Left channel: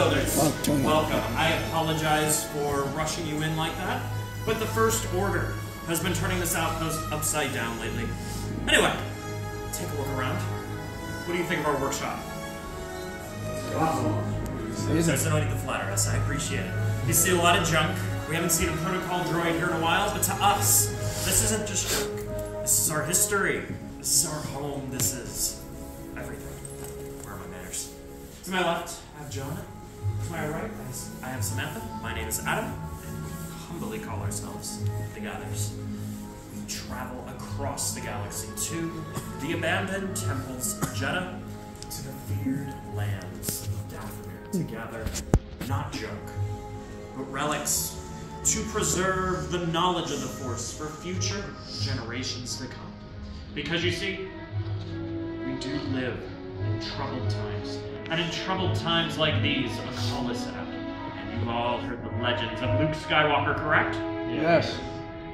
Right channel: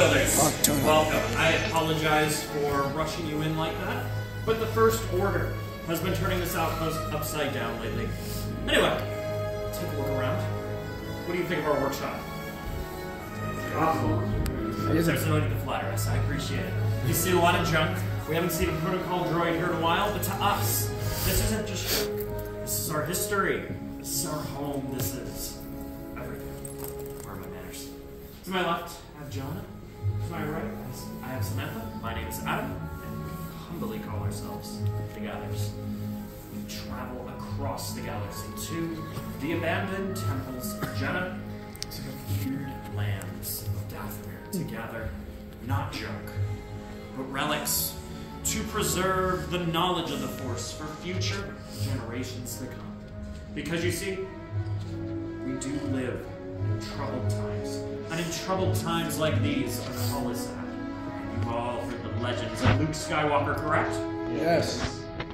builders, welcome. I apologize for rushing you in like that, but the First Order has been turning this outpost upside down lately. Anyway, take a look around. What do you think of our workshop? There's no need to flatter us, I appreciate it. You see a lot of junk. We haven't seen a protocol droid here in a while, but to us, this isn't just junk. This is our history. This is our home. This is everything. Where are my manners? To my left, I have Jonah. To my right, I have Samantha. My name is Adam, and we humbly call ourselves the Gathers. We travel across the galaxy to the abandoned temples of Jeddah, to the weird lands of Dathomir, to gather not junk, but relics, to preserve the knowledge of the Force for future generations to come. Because you see, we do live in troubled times. And in troubled times like these, a call is set out. And you've all heard the legends of Luke Skywalker, correct? Yes.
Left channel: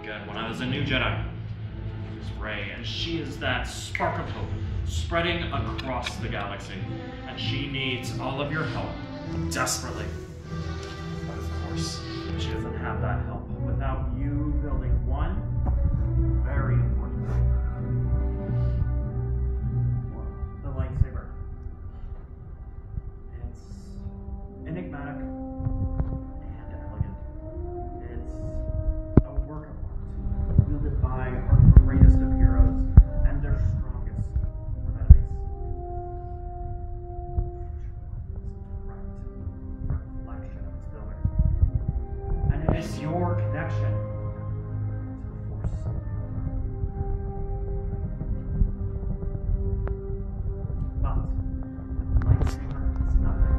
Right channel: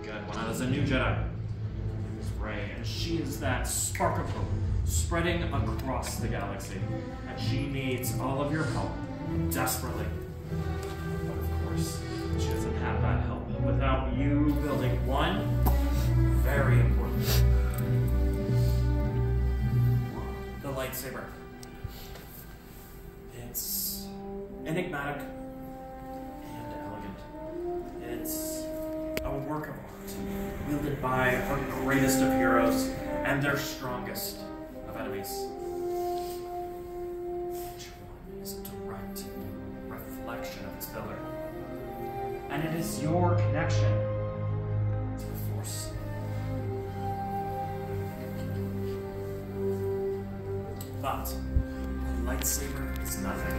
Good. When I was a new Jedi, it was Rey, and she is that spark of hope spreading across the galaxy. And she needs all of your help, desperately. But of course, she doesn't have that help without you building one very important thing. The lightsaber. It's enigmatic and elegant. It's a work of art, wielded by our greatest of heroes and their strongest of enemies. Each one is a direct reflection of its builder. And it is your connection to the Force. But the lightsaber is nothing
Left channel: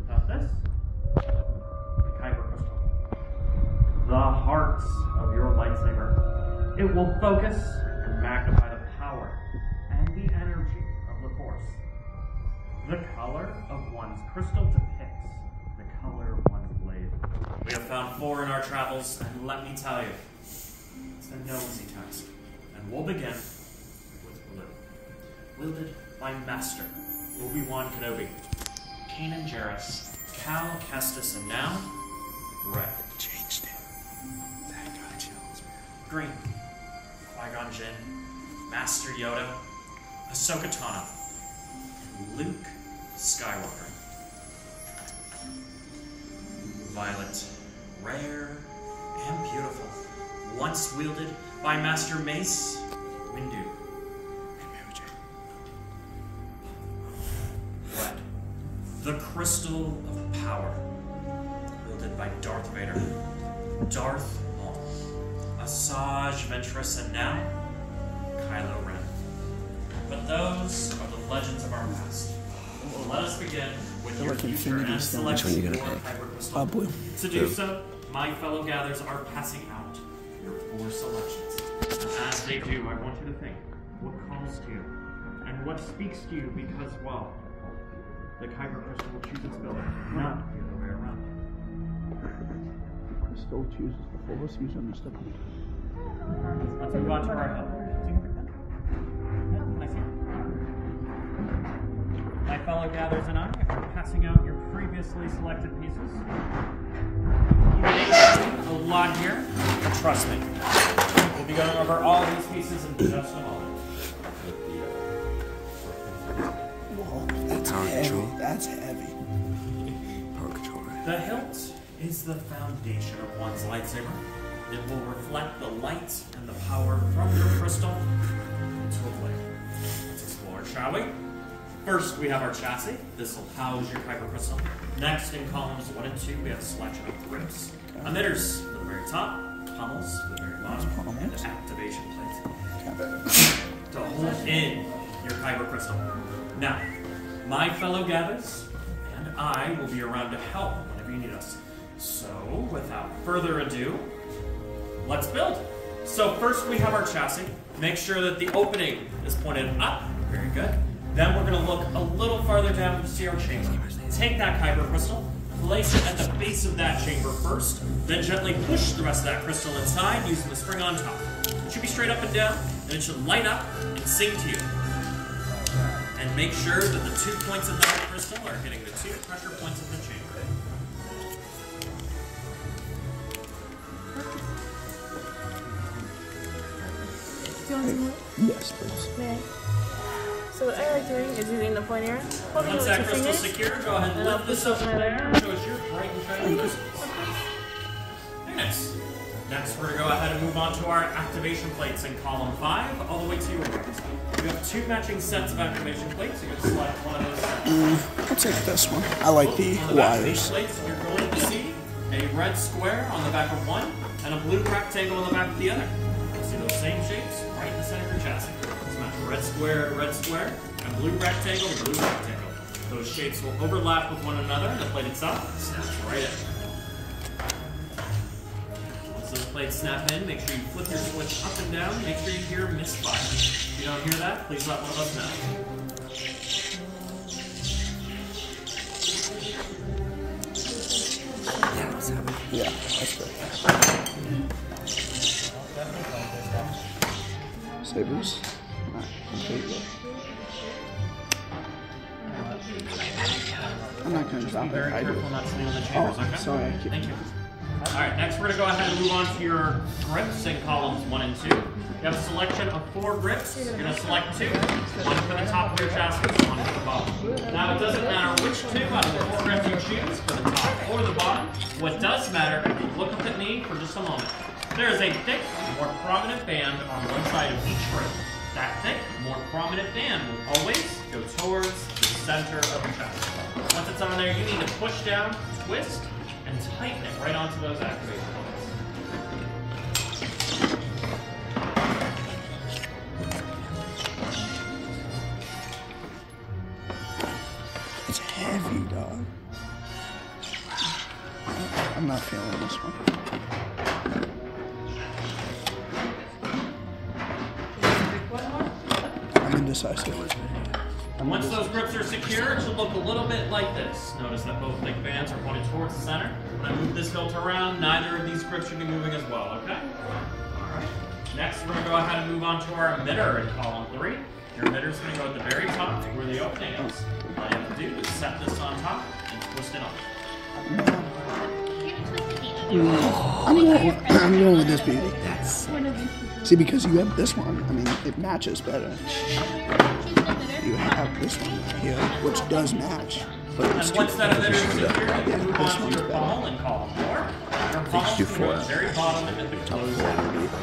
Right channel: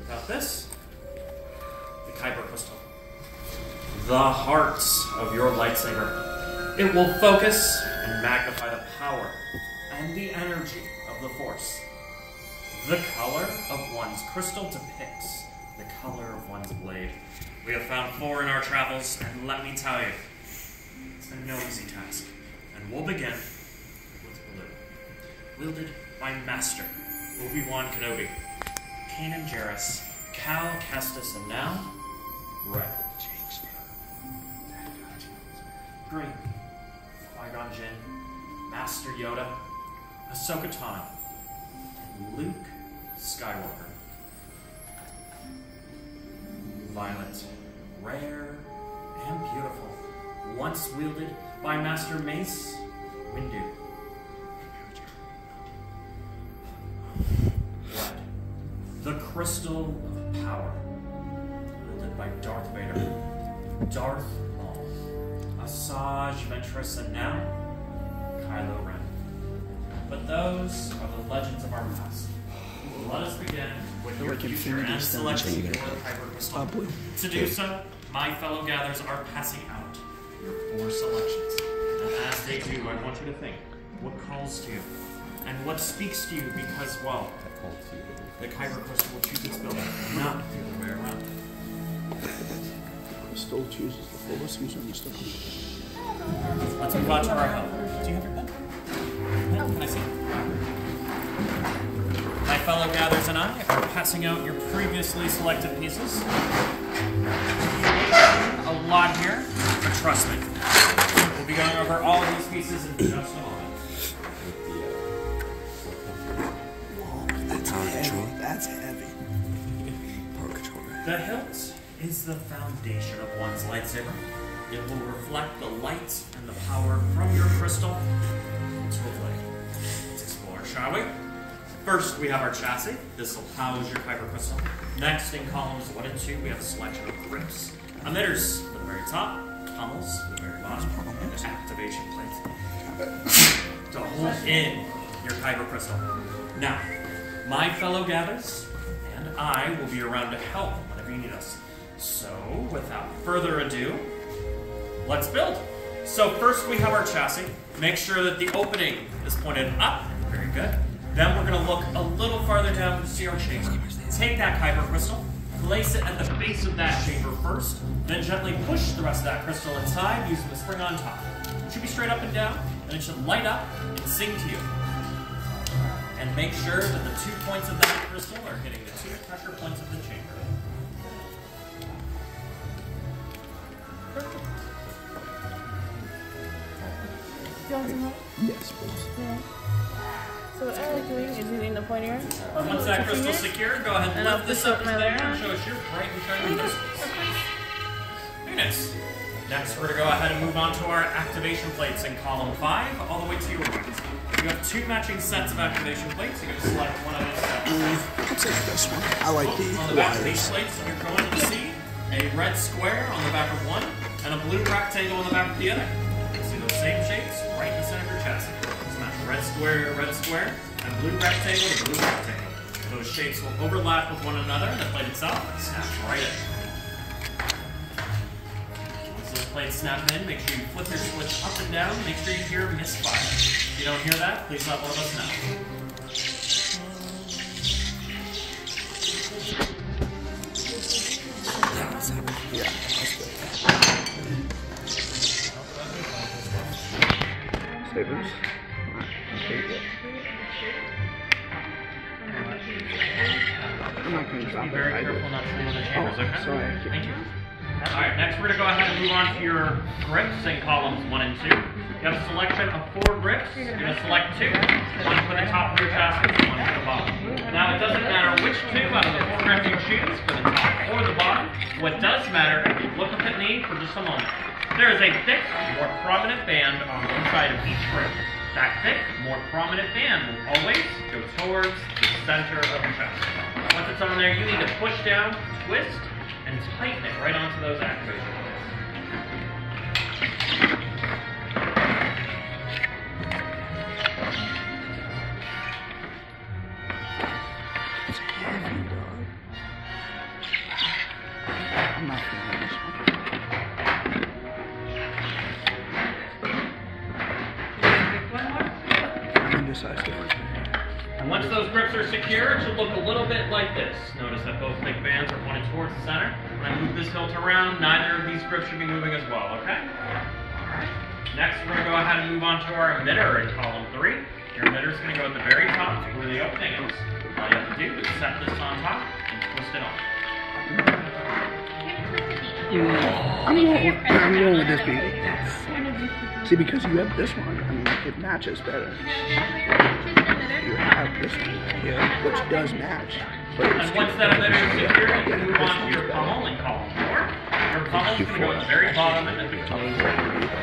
without this, the Kyber crystal, the heart of your lightsaber. It will focus and magnify the power and the energy of the Force. The color of one's crystal depicts the color of one's blade. We have found 4 in our travels, and let me tell you, it's been no easy task. And we'll begin with blue, wielded by Master Obi-Wan Kenobi, Kanan Jarrus, Cal Kestis, and now, red. Changed it. That got chills, man. Green, Qui-Gon Jinn, Master Yoda, Ahsoka Tano, and Luke Skywalker. Violet, rare and beautiful, once wielded by Master Mace Windu. Red, the crystal of power, wielded by Darth Vader, Darth Maul, Asajj Ventress, and now Kylo Ren. But those are the legends of our past. Let us begin with your future and select your Kyber crystal. To do so, my fellow Gathers are passing out your 4 selections. And as they do, I want you to think what calls to you and what speaks to you, because, well, the Kyber crystal will choose its builder, not the other way around. The crystal chooses the Force, who's on the stuff. Let's move on to our help. Do you have your pen? Can I see? My fellow Gathers and I are passing out your previously selected pieces. A lot here, but trust me, we'll be going over all these pieces in just a moment. Whoa, that's heavy. That's heavy. Power controller. The hilt is the foundation of one's lightsaber. It will reflect the light and the power from your crystal to a blade. Let's explore, shall we? First, we have our chassis. This will house your Kyber crystal. Next, in columns 1 and 2, we have a selection of grips, emitters for the very top, tunnels for the very bottom, and an activation plate to hold in your Kyber crystal. Now, my fellow Gathers and I will be around to help whenever you need us. So, without further ado, let's build. So first we have our chassis. Make sure that the opening is pointed up. Very good. Then we're going to look a little farther down to see our chamber. Take that Kyber crystal, place it at the base of that chamber first, then gently push the rest of that crystal inside using the spring on top. It should be straight up and down, and it should light up and sing to you. And make sure that the 2 points of that crystal are hitting the 2 pressure points of the chamber. Yes, please. Okay. So what I like doing is using the pointer. Once that crystal's secure, go ahead and lift this up in the air and show us your bright and shiny crystals. Very nice. Next, we're going to go ahead and move on to our activation plates in column 5, all the way to your right. You have 2 matching sets of activation plates. You're going to select one of those sets. Let's take this one. I like the On the back of these wires. plates, you're going to see a red square on the back of one and a blue rectangle on the back of the other. You see those same shapes right in the center of your chassis. Smash red square, and blue rectangle, blue rectangle. Those shapes will overlap with one another in the plate itself and snap right in. Once those plates snap in, make sure you flip your switch up and down. Make sure you hear misfire. If you don't hear that, please let one of us know. Yeah, that's good. Sabers. Okay. I'm not going to drop Be very it. careful not to steal the chambers, okay? Sorry. Thank you. Alright, next we're going to go ahead and move on to your grips in columns 1 and 2. You have a selection of 4 grips. You're going to select 2. One for the top of your chassis, one for the bottom. Now it doesn't matter which 2 out of the 4 grips you choose, for the top or the bottom. What does matter, if you look up at me for just a moment, there is a thick, more prominent band on one side of each grip. That thick, more prominent band will always go towards the center of your chassis. Once it's on there, you need to push down, twist, and tighten it right onto those activation points. It's heavy, dog. I'm not feeling this one. I'm indecisive. And once those grips are secure, it should look a little bit like this. Notice that both thick bands are pointed towards the center. When I move this hilt around, neither of these grips should be moving as well, okay? Alright. Next, we're going to go ahead and move on to our emitter in column 3. Your emitter is going to go at the very top where the opening is. All you have to do is set this on top and twist it off. I'm going with this baby. See, because you have this one, I mean, it matches better. You have this one here, which does match. And once that emitter is secure, you can move on to your pommel in column 4. Your pommel is going to go at the very bottom and then close.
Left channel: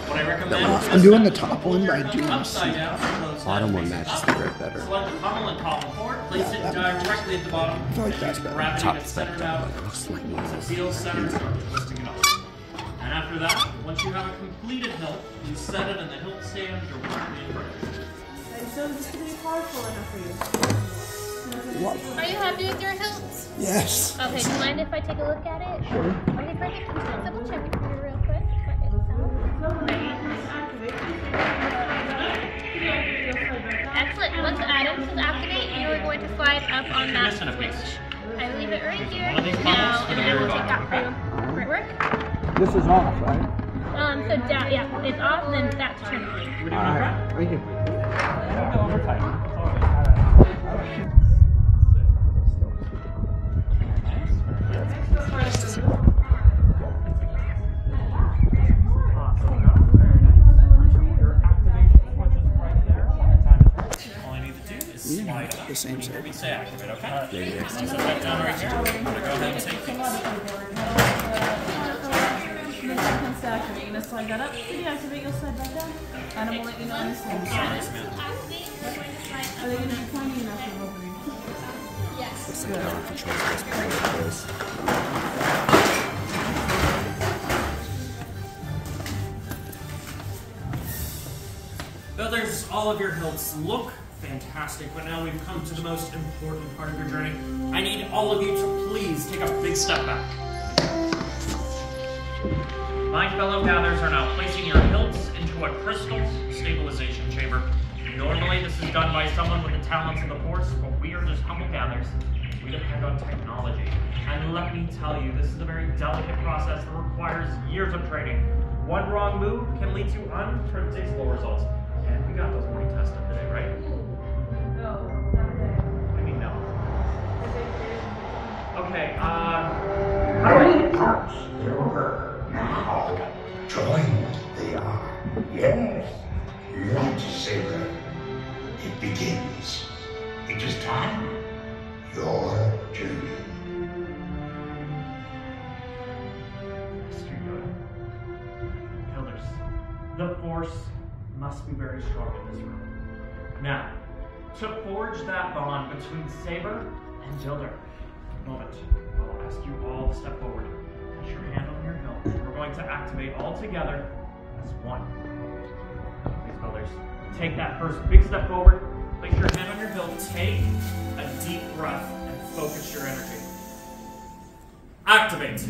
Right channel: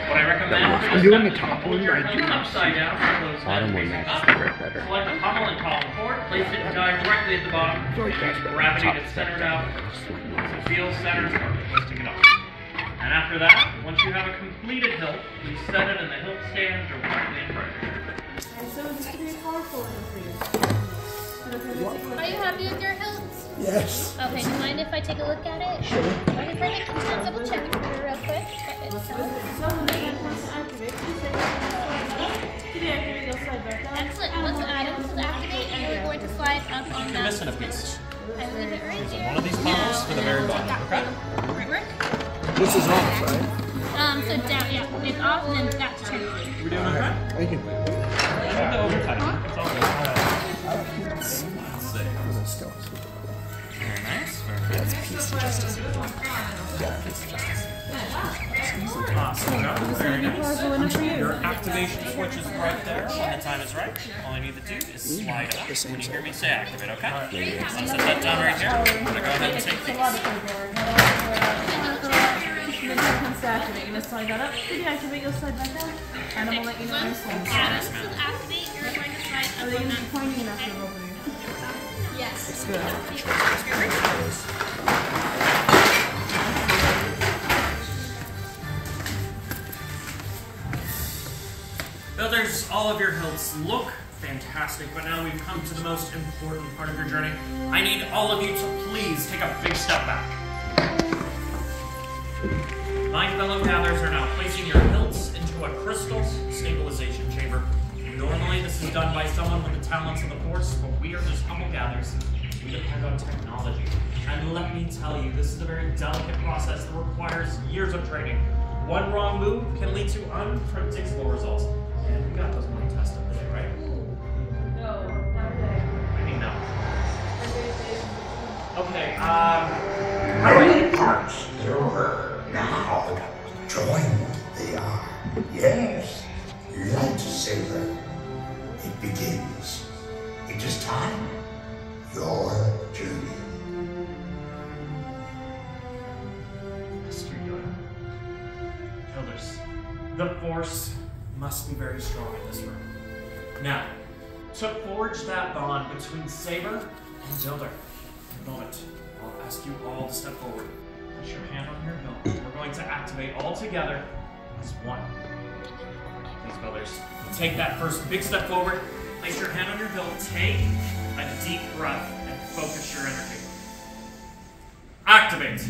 What I recommend for I'm this doing the is top hold one your by hilt doing upside down for those Bottom one facing matches up. the grip better. Select the pommel in column 4, place it directly at the bottom. feel like that's better. Gravity to center it out. Once it feels centered, start twisting it off. And after that, once you have a completed hilt, please set it in the hilt stand directly in front of you. So this could be powerful enough for you. Are you happy with your hilts? Yes. Okay, do you mind if I take a look at it? Sure. Okay, perfect. I'm just gonna double check it for you real quick. But it's excellent. Once the items is activate, you are going to slide up on that Missing a switch. piece. I will leave it right here One of these now, bubbles, and I will take that for you. Right work? This is off, right? So down, yeah, it's off, and then that's turned. We're doing okay? Thank you. You need to overtime it. It's all good. Let's see. Very nice. Very nice. Awesome job. Very nice. Your activation switch is right there. When the time is right, all I need to do is slide up. When you hear me say activate, okay? I'll set that down right here. I'm going to go ahead and take these. You're going to slide that up, deactivate, you'll slide that down, and I'll let you know when you slide that Nice, man. Are they going to be pointing enough to over you? Yes. Builders, all of your hilts look fantastic, but now we've come to the most important part of your journey. I need all of you to please take a big step back. My fellow gatherers are now placing your hilts into a crystal stabilization chamber. Normally this is done by someone with the talents of the Force, but we are just humble gatherers. We depend on technology. And let me tell you, this is a very delicate process that requires years of training. One wrong move can lead to unpredictable results. And we got those pretty tested today, right? No, Okay, how do I... Parts over now. Join they are. Yes. Lightsaber. It begins. It is time. Your journey. Master Yoda. Elders, the Force must be very strong in this room. Now, to forge that bond between Saber and Dilder, in a moment, I'll ask you all to step forward. Put your hand on your hilt. We're going to activate all together as one. Please, Builders, take that first big step forward. Place your hand on your hilt. Take a deep breath and focus your energy. Activate.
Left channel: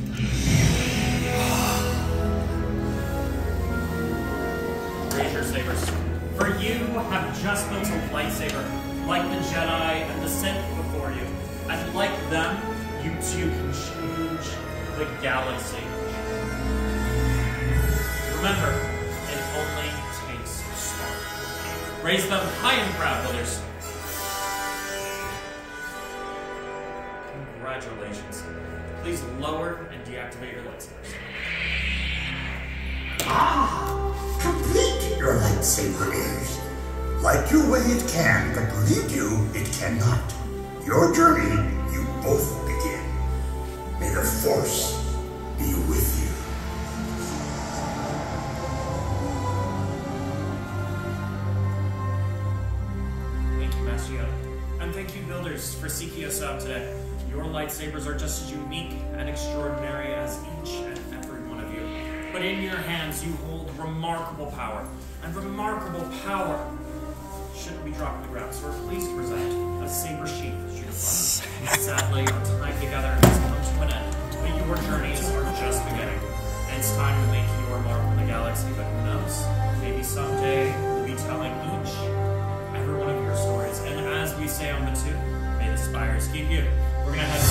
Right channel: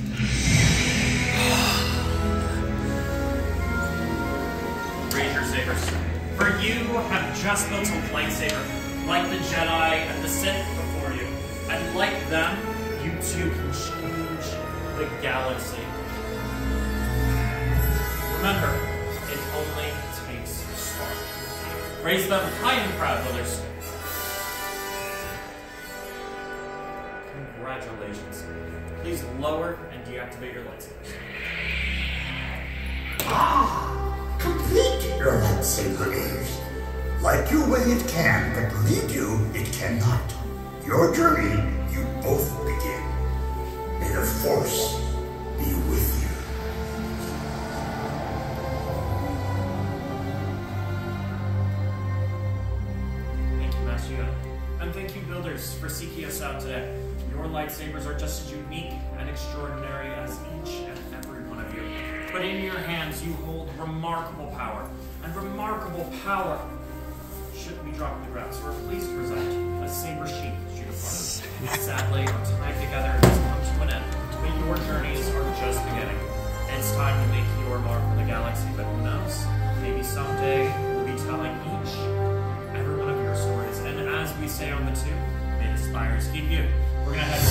Raise your sabers. For you have just built a lightsaber, like the Jedi and the Sith before you. And like them, you too can change the galaxy. Remember, it only takes a spark. Raise them high and proud, Builders. Congratulations. Please lower and deactivate your lightsabers. Complete your lightsaber is. Light your way it can, but lead you it cannot. Your journey, you both begin. May the Force be with you. Thank you, Master Yoda. And thank you, Builders, for seeking us out today. Your lightsabers are just as unique and extraordinary as each and every one of you. But in your hands, you hold remarkable power. And remarkable power shouldn't be dropped to the ground. So we're pleased to present a saber sheath uniform. Sadly, our time together has come to an end, but your journeys are just beginning. And it's time to make your mark on the galaxy, but who knows? Maybe someday we'll be telling each and every one of your stories. And as we say on the tube, may the spires keep you. We're going to head